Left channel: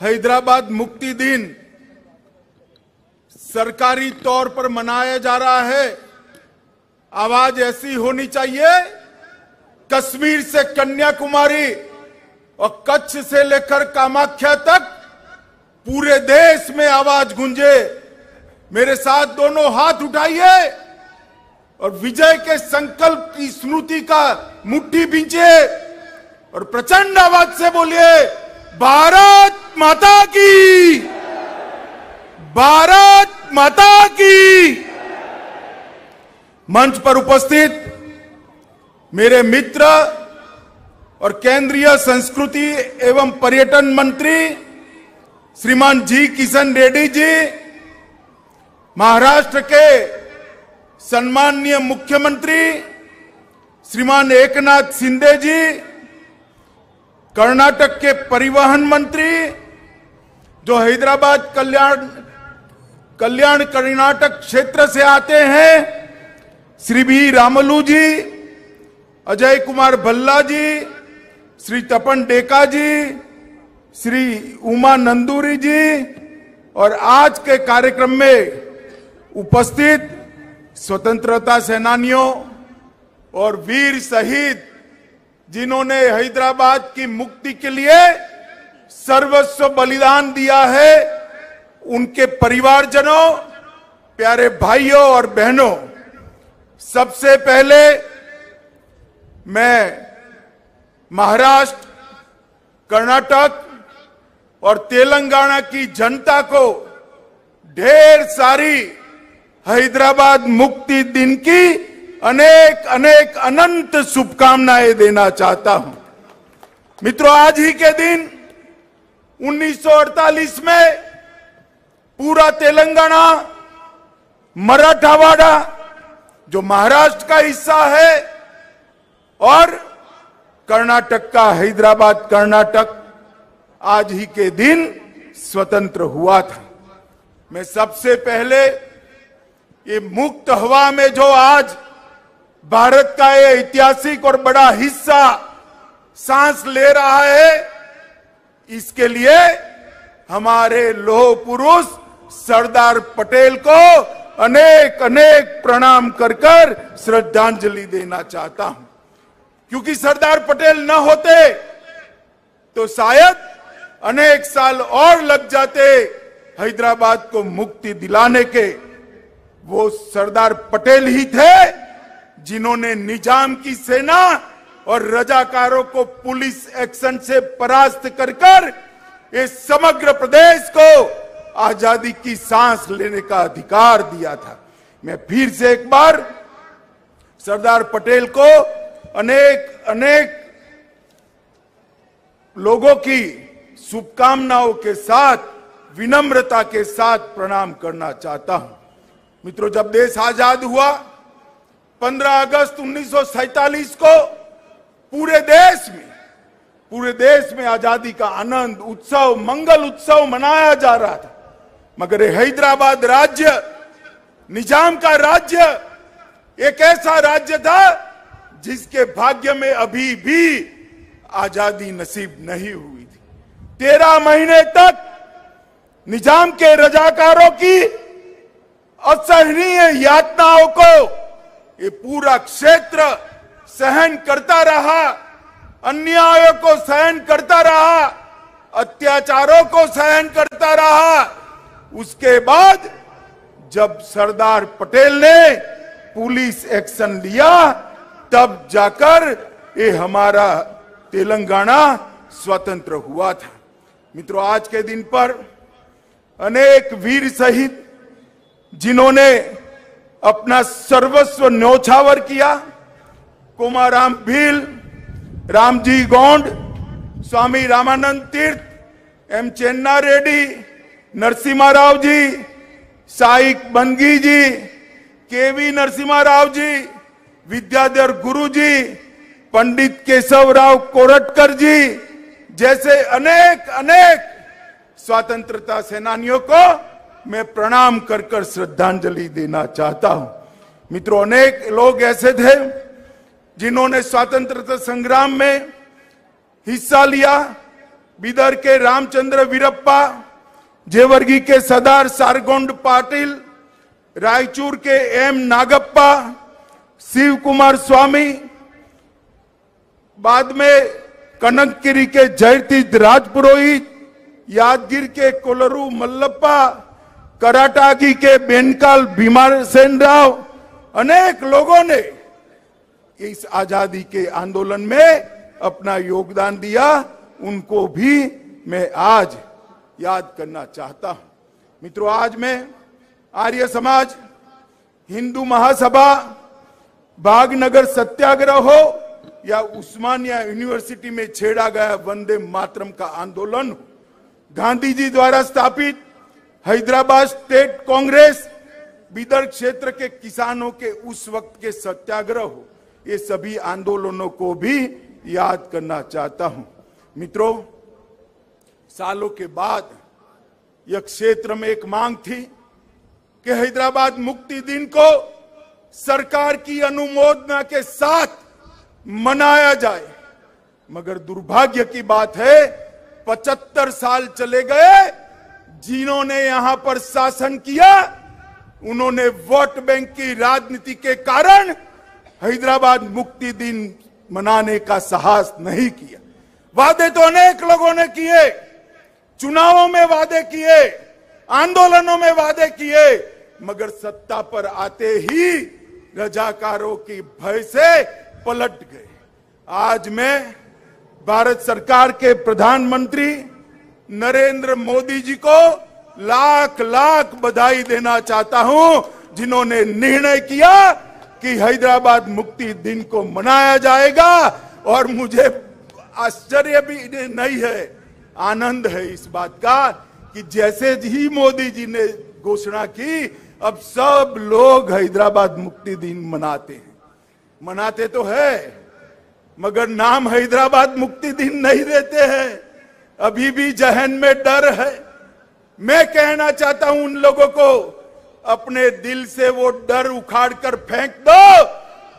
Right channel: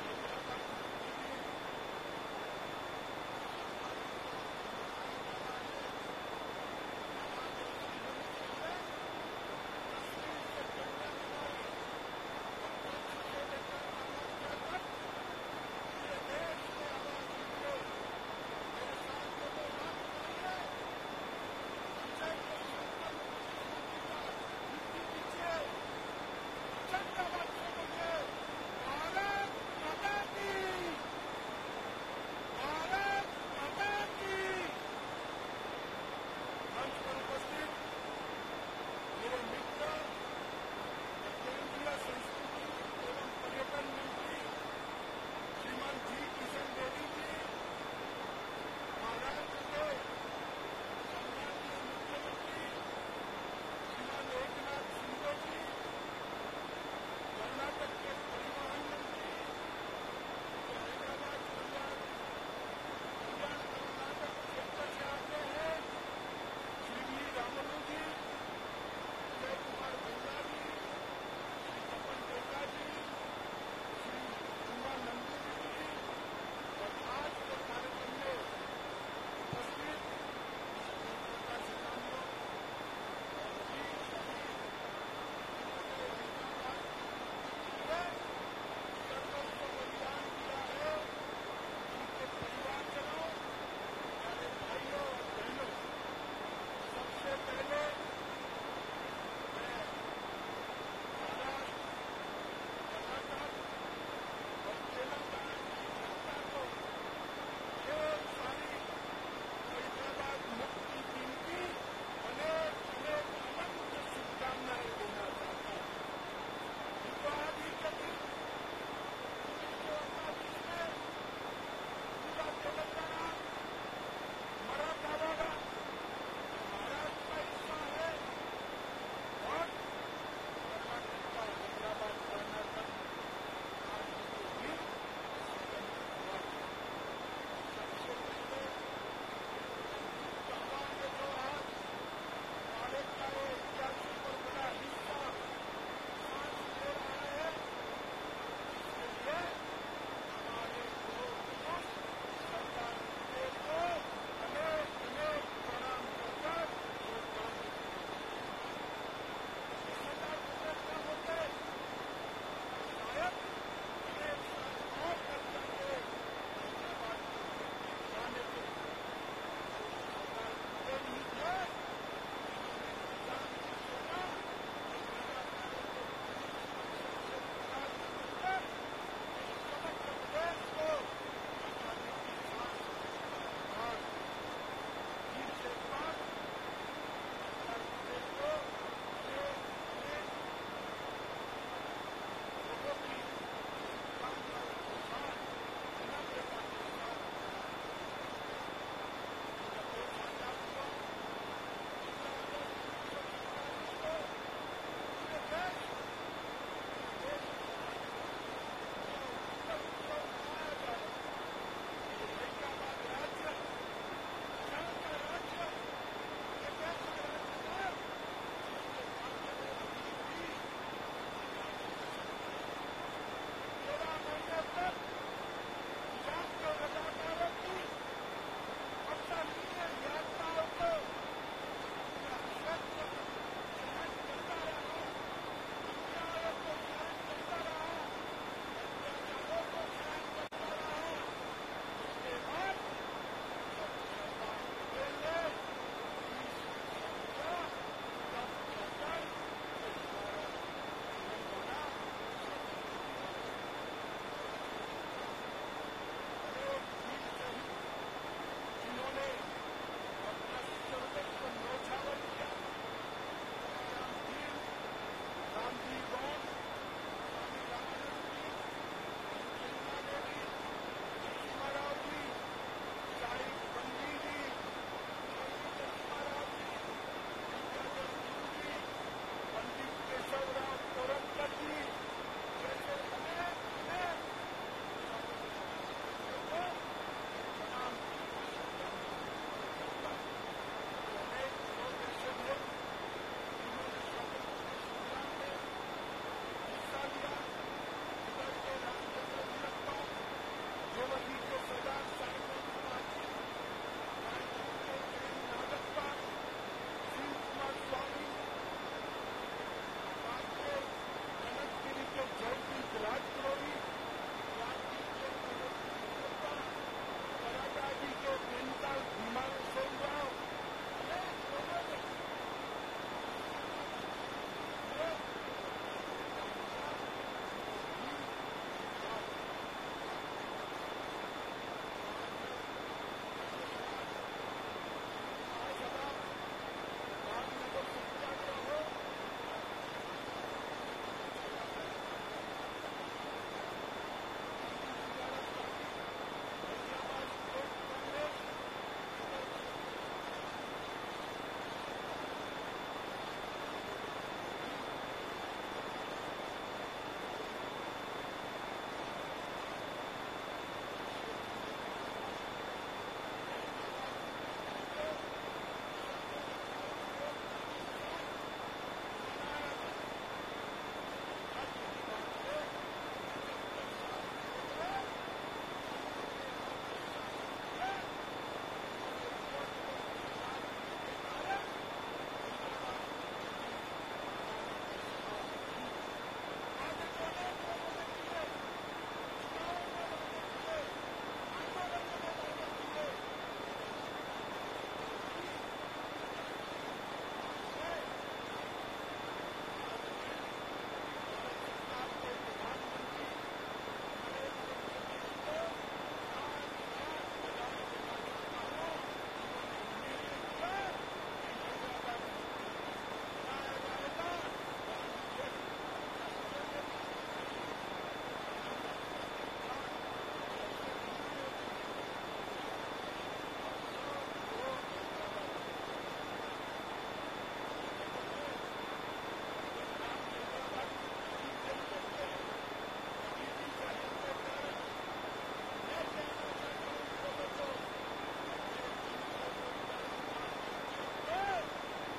हैदराबाद मुक्ति दिन सरकारी तौर पर मनाया जा रहा है। आवाज ऐसी होनी चाहिए, कश्मीर से कन्याकुमारी और कच्छ से लेकर कामाख्या तक पूरे देश में आवाज गूंजे। मेरे साथ दोनों हाथ उठाइए और विजय के संकल्प की स्मृति का मुट्ठी भींचे और प्रचंड आवाज से बोलिए, भारत माता की, भारत माता की। मंच पर उपस्थित मेरे मित्र और केंद्रीय संस्कृति एवं पर्यटन मंत्री श्रीमान जी किशन रेड्डी जी, महाराष्ट्र के सम्माननीय मुख्यमंत्री श्रीमान एकनाथ शिंदे जी, कर्नाटक के परिवहन मंत्री जो हैदराबाद कल्याण कर्नाटक क्षेत्र से आते हैं, श्री बी रामलू जी, अजय कुमार भल्ला जी, श्री तपन डेका जी, श्री उमा नंदूरी जी और आज के कार्यक्रम में उपस्थित स्वतंत्रता सेनानियों और वीर शहीद जिन्होंने हैदराबाद की मुक्ति के लिए सर्वस्व बलिदान दिया है, उनके परिवारजनों, प्यारे भाइयों और बहनों, सबसे पहले मैं महाराष्ट्र, कर्नाटक और तेलंगाना की जनता को ढेर सारी हैदराबाद मुक्ति दिन की अनेक अनेक अनंत शुभकामनाएं देना चाहता हूं। मित्रों, आज ही के दिन 1948 में पूरा तेलंगाना, मराठवाड़ा जो महाराष्ट्र का हिस्सा है और कर्नाटक का हैदराबाद कर्नाटक आज ही के दिन स्वतंत्र हुआ था। मैं सबसे पहले ये मुक्त हवा में जो आज भारत का ये ऐतिहासिक और बड़ा हिस्सा सांस ले रहा है, इसके लिए हमारे लौह पुरुष सरदार पटेल को अनेक अनेक प्रणाम कर कर श्रद्धांजलि देना चाहता हूं, क्योंकि सरदार पटेल न होते तो शायद अनेक साल और लग जाते हैदराबाद को मुक्ति दिलाने के। वो सरदार पटेल ही थे जिन्होंने निजाम की सेना और रजाकारों को पुलिस एक्शन से परास्त कर कर इस समग्र प्रदेश को आजादी की सांस लेने का अधिकार दिया था। मैं फिर से एक बार सरदार पटेल को अनेक अनेक लोगों की शुभकामनाओं के साथ, विनम्रता के साथ प्रणाम करना चाहता हूं। मित्रों, जब देश आजाद हुआ 15 अगस्त 1947 को पूरे देश में आजादी का आनंद उत्सव, मंगल उत्सव मनाया जा रहा था, मगर हैदराबाद राज्य, निजाम का राज्य, एक ऐसा राज्य था जिसके भाग्य में अभी भी आजादी नसीब नहीं हुई। 13 महीने तक निजाम के रजाकारों की असहनीय यातनाओं को ये पूरा क्षेत्र सहन करता रहा, अन्यायों को सहन करता रहा, अत्याचारों को सहन करता रहा। उसके बाद जब सरदार पटेल ने पुलिस एक्शन लिया, तब जाकर ये हमारा तेलंगाना स्वतंत्र हुआ था। मित्रों, आज के दिन पर अनेक वीर शहीद जिन्होंने अपना सर्वस्व न्योछावर किया, कोमाराम भील, रामजी गोंड, स्वामी रामानंद तीर्थ, एम चेन्ना रेड्डी, नरसिम्हा राव जी, साइक बंगी जी, केवी नरसिम्हा राव जी, विद्याधर गुरु जी, पंडित केशवराव कोरटकर जी जैसे अनेक अनेक स्वतंत्रता सेनानियों को मैं प्रणाम कर कर श्रद्धांजलि देना चाहता हूं। मित्रों, अनेक लोग ऐसे थे जिन्होंने स्वतंत्रता संग्राम में हिस्सा लिया, बीदर के रामचंद्र वीरप्पा, जेवर्गी के सरदार सारगोंड पाटिल, रायचूर के एम नागप्पा, शिव कुमार स्वामी, बाद में कनकगिरी के जयतीर्थ राजपुरोहित, यादगिर के कोलरू मल्लप्पा, कराटागी के बेनकाल भीमासेन राव, अनेक लोगों ने इस आजादी के आंदोलन में अपना योगदान दिया। उनको भी मैं आज याद करना चाहता हूं। मित्रों, आज मैं आर्य समाज, हिंदू महासभा, भागनगर सत्याग्रह हो या उस्मानिया यूनिवर्सिटी में छेड़ा गया वंदे मातरम का आंदोलन, गांधी जी द्वारा स्थापित हैदराबाद स्टेट कांग्रेस, बीदर क्षेत्र के किसानों के उस वक्त के सत्याग्रह हो, ये सभी आंदोलनों को भी याद करना चाहता हूं। मित्रों, सालों के बाद यह क्षेत्र में एक मांग थी कि हैदराबाद मुक्ति दिन को सरकार की अनुमोदना के साथ मनाया जाए, मगर दुर्भाग्य की बात है 75 साल चले गए। जिन्होंने यहां पर शासन किया, उन्होंने वोट बैंक की राजनीति के कारण हैदराबाद मुक्ति दिन मनाने का साहस नहीं किया। वादे तो अनेक लोगों ने किए, चुनावों में वादे किए, आंदोलनों में वादे किए, मगर सत्ता पर आते ही रजाकारों की भय से पलट गए। आज मैं भारत सरकार के प्रधानमंत्री नरेंद्र मोदी जी को लाख लाख बधाई देना चाहता हूं, जिन्होंने निर्णय किया कि हैदराबाद मुक्ति दिन को मनाया जाएगा। और मुझे आश्चर्य भी नहीं है, आनंद है इस बात का कि जैसे ही मोदी जी ने घोषणा की, अब सब लोग हैदराबाद मुक्ति दिन मनाते तो है, मगर नाम हैदराबाद मुक्ति दिन नहीं देते हैं। अभी भी जहन में डर है। मैं कहना चाहता हूं उन लोगों को, अपने दिल से वो डर उखाड़ कर फेंक दो।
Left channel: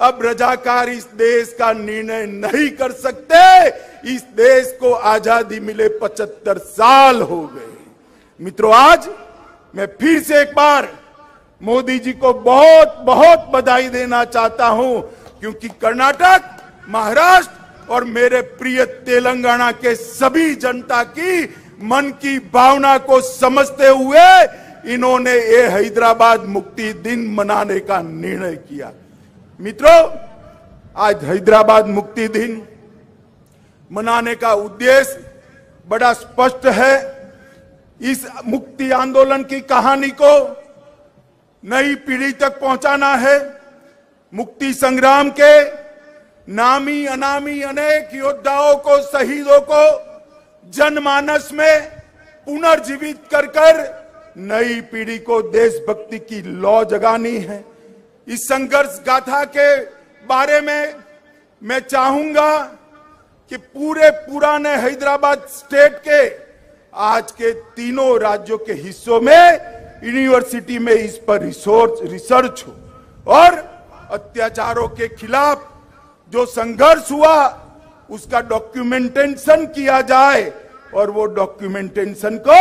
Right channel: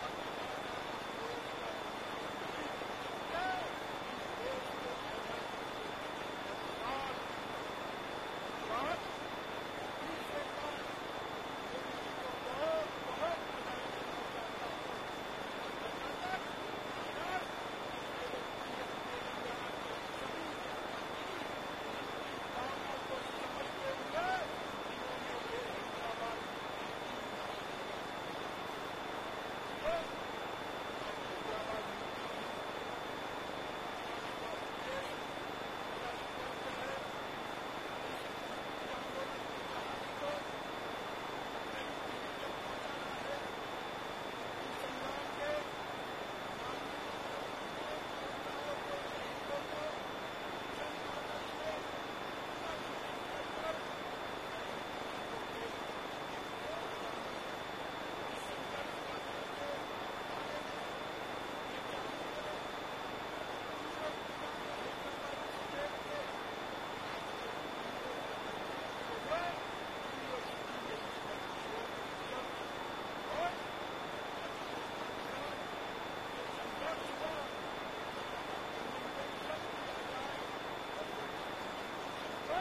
अब रजाकार इस देश का निर्णय नहीं कर सकते। इस देश को आजादी मिले 75 साल हो गए। मित्रों, आज मैं फिर से एक बार मोदी जी को बहुत बहुत बधाई देना चाहता हूं, क्योंकि कर्नाटक, महाराष्ट्र और मेरे प्रिय तेलंगाना के सभी जनता की मन की भावना को समझते हुए इन्होंने ये हैदराबाद मुक्ति दिन मनाने का निर्णय किया। मित्रों, आज हैदराबाद मुक्ति दिन मनाने का उद्देश्य बड़ा स्पष्ट है। इस मुक्ति आंदोलन की कहानी को नई पीढ़ी तक पहुंचाना है। मुक्ति संग्राम के नामी अनामी अनेक योद्धाओं को, शहीदों को जनमानस में पुनर्जीवित कर नई पीढ़ी को देशभक्ति की लौ जगानी है। इस संघर्ष गाथा के बारे में मैं चाहूंगा कि पूरे पुराने हैदराबाद स्टेट के आज के तीनों राज्यों के हिस्सों में यूनिवर्सिटी में इस पर रिसर्च हो और अत्याचारों के खिलाफ जो संघर्ष हुआ उसका डॉक्यूमेंटेशन किया जाए, और वो डॉक्यूमेंटेशन को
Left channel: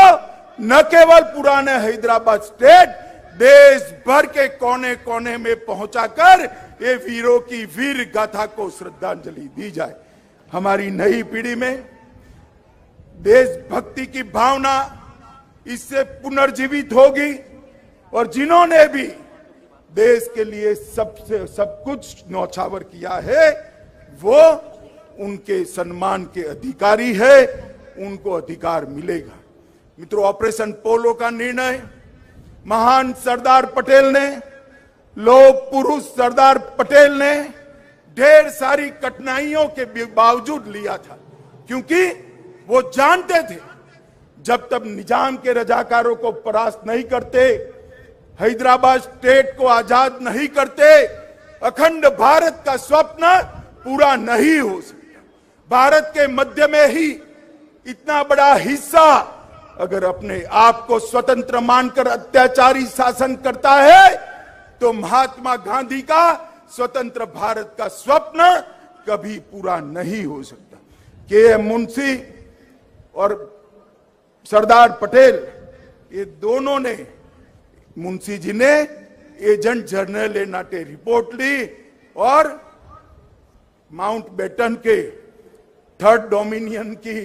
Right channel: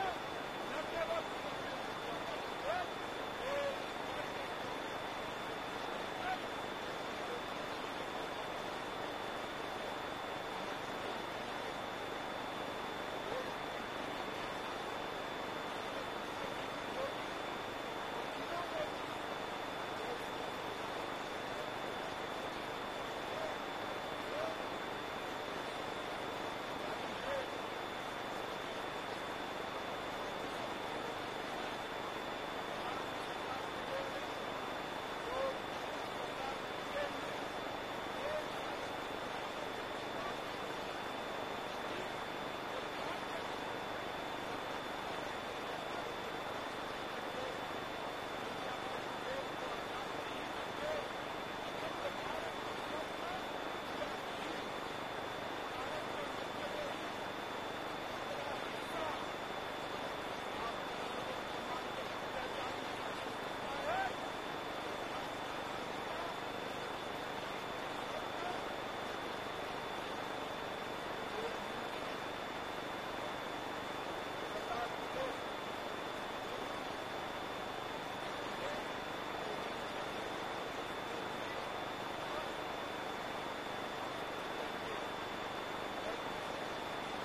न केवल पुराने हैदराबाद स्टेट, देश भर के कोने कोने में पहुंचाकर ये वीरों की वीर गाथा को श्रद्धांजलि दी जाए। हमारी नई पीढ़ी में देशभक्ति की भावना इससे पुनर्जीवित होगी, और जिन्होंने भी देश के लिए सब कुछ न्यौछावर किया है, वो उनके सम्मान के अधिकारी है, उनको अधिकार मिलेगा। मित्रों, ऑपरेशन पोलो का निर्णय महान सरदार पटेल ने, लोक पुरुष सरदार पटेल ने ढेर सारी कठिनाइयों के बावजूद लिया था, क्योंकि वो जानते थे जब तक निजाम के रजाकारों को परास्त नहीं करते, हैदराबाद स्टेट को आजाद नहीं करते, अखंड भारत का स्वप्न पूरा नहीं हो सकता। भारत के मध्य में ही इतना बड़ा हिस्सा अगर अपने आप को स्वतंत्र मानकर अत्याचारी शासन करता है, तो महात्मा गांधी का स्वतंत्र भारत का स्वप्न कभी पूरा नहीं हो सकता। के एम मुंशी और सरदार पटेल, ये दोनों ने, मुंशी जी ने एजेंट जनरल नाटे रिपोर्ट ली और माउंटबेटन के थर्ड डोमिनियन की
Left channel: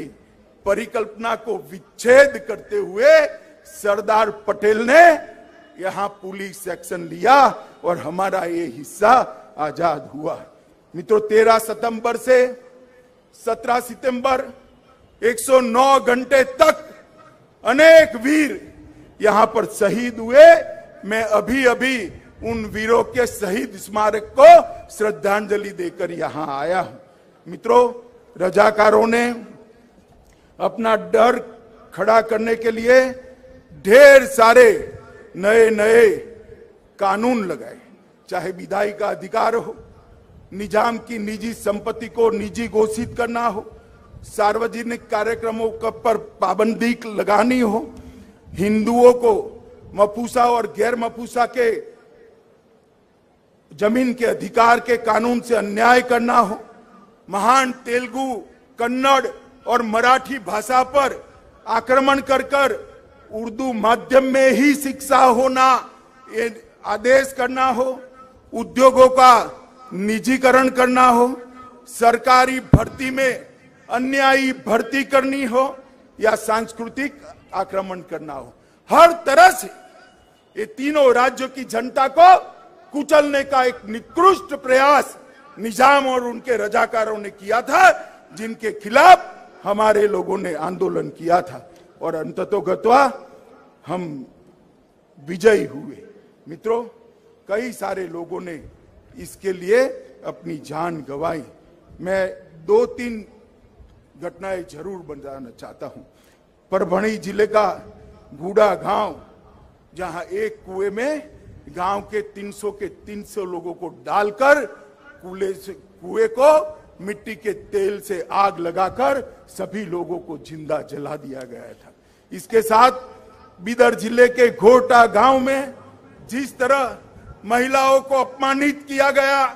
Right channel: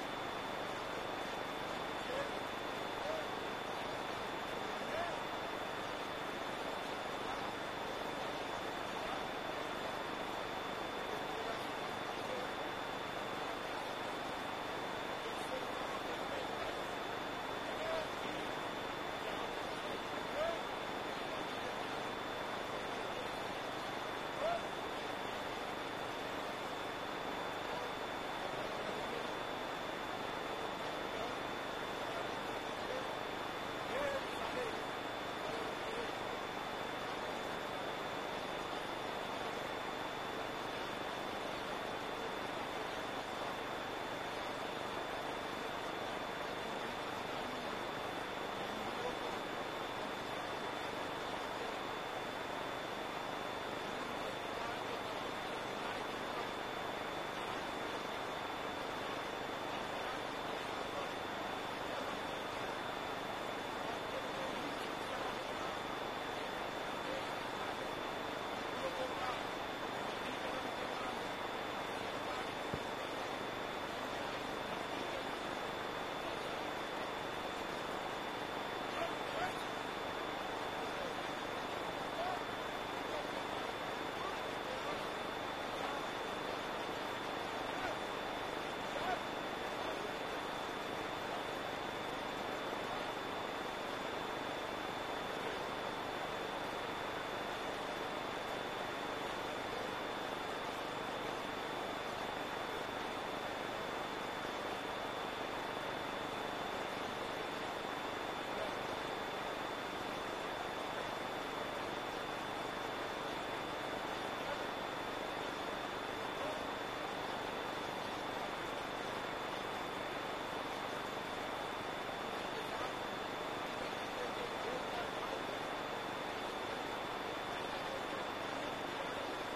परिकल्पना को विच्छेद करते हुए सरदार पटेल ने यहां पुलिस एक्शन लिया और हमारा ये हिस्सा आजाद हुआ। मित्रों, 13 सितंबर से 17 सितंबर 109 घंटे तक अनेक वीर यहां पर शहीद हुए। मैं अभी अभी उन वीरों के शहीद स्मारक को श्रद्धांजलि देकर यहां आया हूं। मित्रों, रजाकारों ने अपना डर खड़ा करने के लिए ढेर सारे नए नए कानून लगाए, चाहे विधायी का अधिकार हो, निजाम की निजी संपत्ति को निजी घोषित करना हो, सार्वजनिक कार्यक्रमों पर पाबंदी लगानी हो, हिंदुओं को मफूसा और गैर मफूसा के जमीन के अधिकार के कानून से अन्याय करना हो, महान तेलुगु, कन्नड़ और मराठी भाषा पर आक्रमण कर उर्दू माध्यम में ही शिक्षा होना ये आदेश करना हो, उद्योगों का निजीकरण करना हो, सरकारी भर्ती में अन्यायी भर्ती करनी हो या सांस्कृतिक आक्रमण करना हो, हर तरह से ये तीनों राज्यों की जनता को कुचलने का एक निकृष्ट प्रयास निजाम और उनके रजाकारों ने किया था, जिनके खिलाफ हमारे लोगों ने आंदोलन किया था और अंततोगत्वा हम विजयी हुए। मित्रों, कई सारे लोगों ने इसके लिए अपनी जान गंवाई। मैं 2-3 घटनाएं जरूर बताना चाहता हूं। परभणी जिले का गूड़ा गांव, जहां एक कुएं में गांव के 300 लोगों को डालकर कुएं को मिट्टी के तेल से आग लगाकर सभी लोगों को जिंदा जला दिया गया था। इसके साथ बीदर जिले के घोटा गांव में जिस तरह महिलाओं को अपमानित किया गया,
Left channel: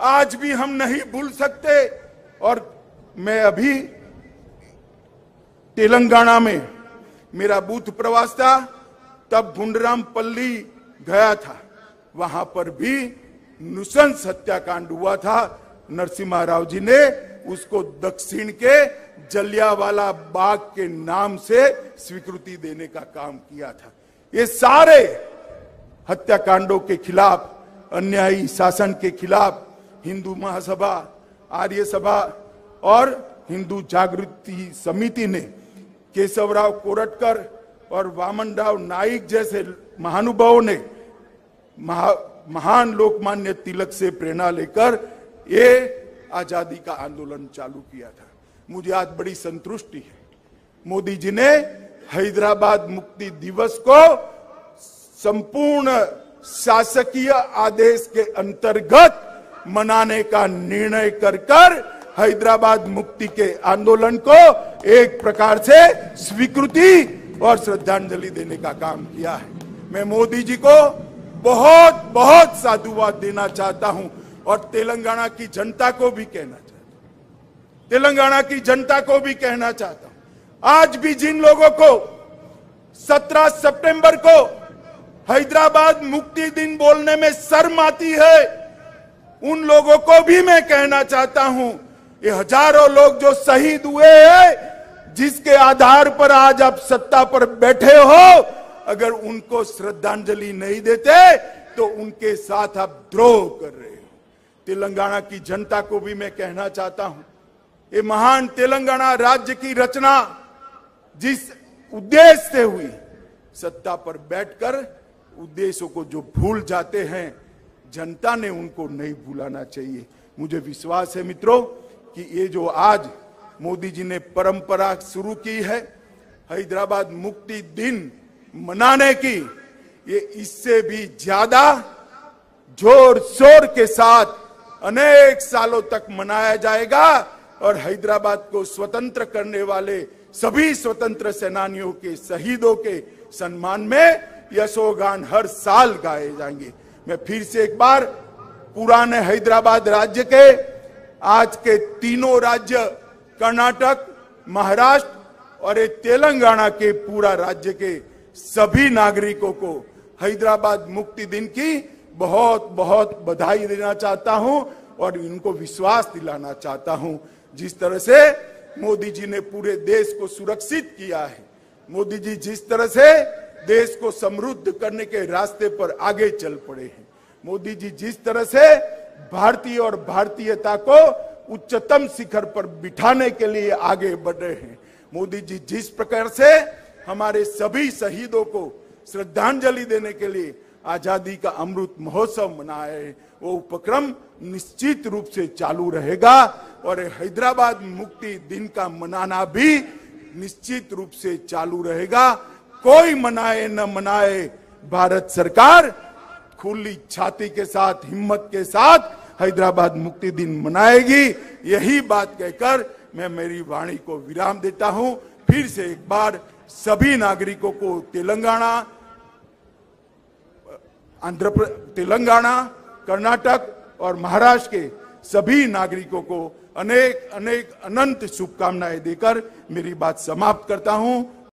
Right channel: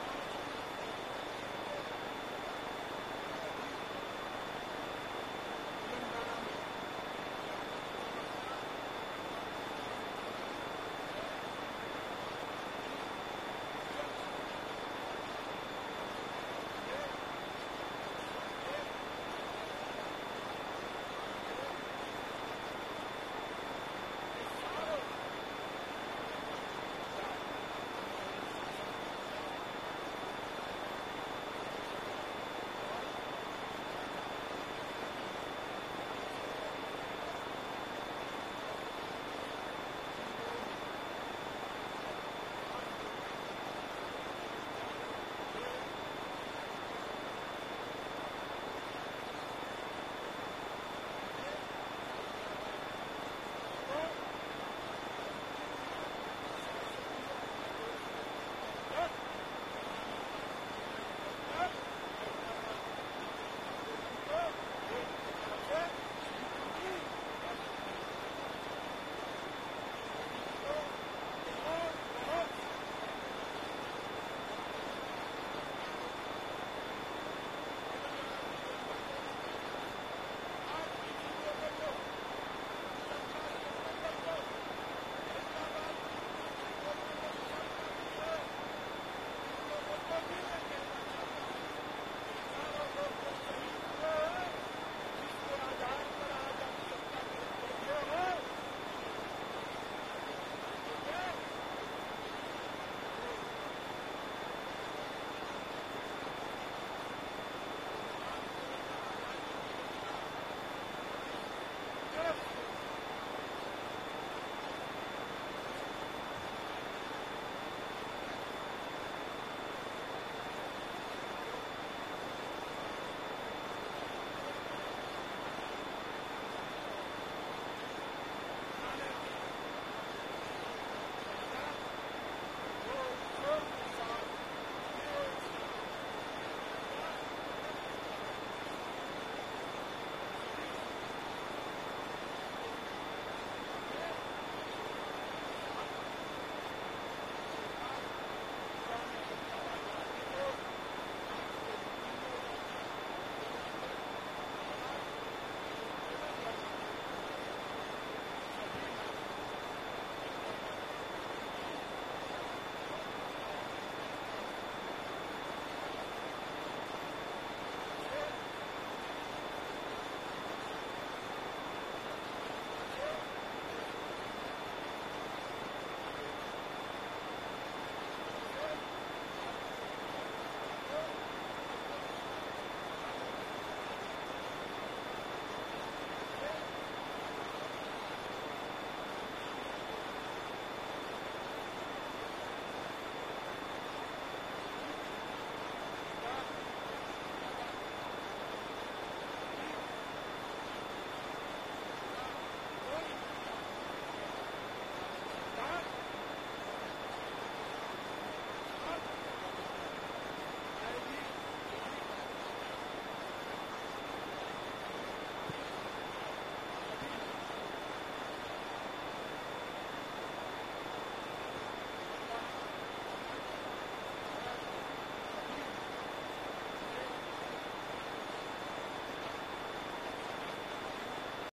आज भी हम नहीं भूल सकते। और मैं अभी तेलंगाना में मेरा बूथ प्रवास था, तब गुंडरामपल्ली गया था, वहां पर भी नृशंस हत्याकांड हुआ था। नरसिम्हा राव जी ने उसको दक्षिण के जलियांवाला बाग के नाम से स्वीकृति देने का काम किया था। ये सारे हत्याकांडों के खिलाफ, अन्यायी शासन के खिलाफ हिंदू महासभा, आर्य सभा और हिंदू जागृति समिति ने केशवराव कोरटकर और वामनराव नाइक जैसे महानुभावों ने महान लोकमान्य तिलक से प्रेरणा लेकर ये आजादी का आंदोलन चालू किया था। मुझे आज बड़ी संतुष्टि, मोदी जी ने हैदराबाद मुक्ति दिवस को संपूर्ण शासकीय आदेश के अंतर्गत मनाने का निर्णय कर हैदराबाद मुक्ति के आंदोलन को एक प्रकार से स्वीकृति और श्रद्धांजलि देने का काम किया है। मैं मोदी जी को बहुत बहुत साधुवाद देना चाहता हूं और तेलंगाना की जनता को भी कहना चाहता हूं, आज भी जिन लोगों को 17 सितंबर को हैदराबाद मुक्ति दिन बोलने में शर्म आती है, उन लोगों को भी मैं कहना चाहता हूं, ये हजारों लोग जो शहीद हुए हैं, जिसके आधार पर आज आप सत्ता पर बैठे हो, अगर उनको श्रद्धांजलि नहीं देते तो उनके साथ आप द्रोह कर रहे हैं। तेलंगाना की जनता को भी मैं कहना चाहता हूं, ये महान तेलंगाना राज्य की रचना जिस उद्देश्य से हुई, सत्ता पर बैठकर उद्देश्यों को जो भूल जाते हैं, जनता ने उनको नहीं भूलाना चाहिए। मुझे विश्वास है मित्रों कि ये जो आज मोदी जी ने परंपरा शुरू की है हैदराबाद मुक्ति दिन मनाने की, ये इससे भी ज्यादा जोर शोर के साथ अनेक सालों तक मनाया जाएगा और हैदराबाद को स्वतंत्र करने वाले सभी स्वतंत्र सेनानियों के शहीदों के सम्मान में यशोगान हर साल गाए जाएंगे। मैं फिर से एक बार पुराने हैदराबाद राज्य के आज के तीनों राज्य कर्नाटक, महाराष्ट्र और ये तेलंगाना के पूरा राज्य के सभी नागरिकों को हैदराबाद मुक्ति दिन की बहुत बहुत बधाई देना चाहता हूं और इनको विश्वास दिलाना चाहता हूं। जिस तरह से मोदी जी ने पूरे देश को सुरक्षित किया है, मोदी जी जिस तरह से देश को समृद्ध करने के रास्ते पर आगे चल पड़े हैं, मोदी जी जिस तरह से भारतीय और भारतीयता को उच्चतम शिखर पर बिठाने के लिए आगे बढ़ रहे हैं, मोदी जी जिस प्रकार से हमारे सभी शहीदों को श्रद्धांजलि देने के लिए आजादी का अमृत महोत्सव मनाए, वो उपक्रम निश्चित रूप से चालू रहेगा और हैदराबाद मुक्ति दिन का मनाना भी निश्चित रूप से चालू रहेगा। कोई मनाए न मनाए, भारत सरकार खुली छाती के साथ, हिम्मत के साथ हैदराबाद मुक्ति दिन मनाएगी। यही बात कहकर मैं मेरी वाणी को विराम देता हूं। फिर से एक बार सभी नागरिकों को तेलंगाना, कर्नाटक और महाराष्ट्र के सभी नागरिकों को अनेक अनेक अनंत शुभकामनाएं देकर मेरी बात समाप्त करता हूं।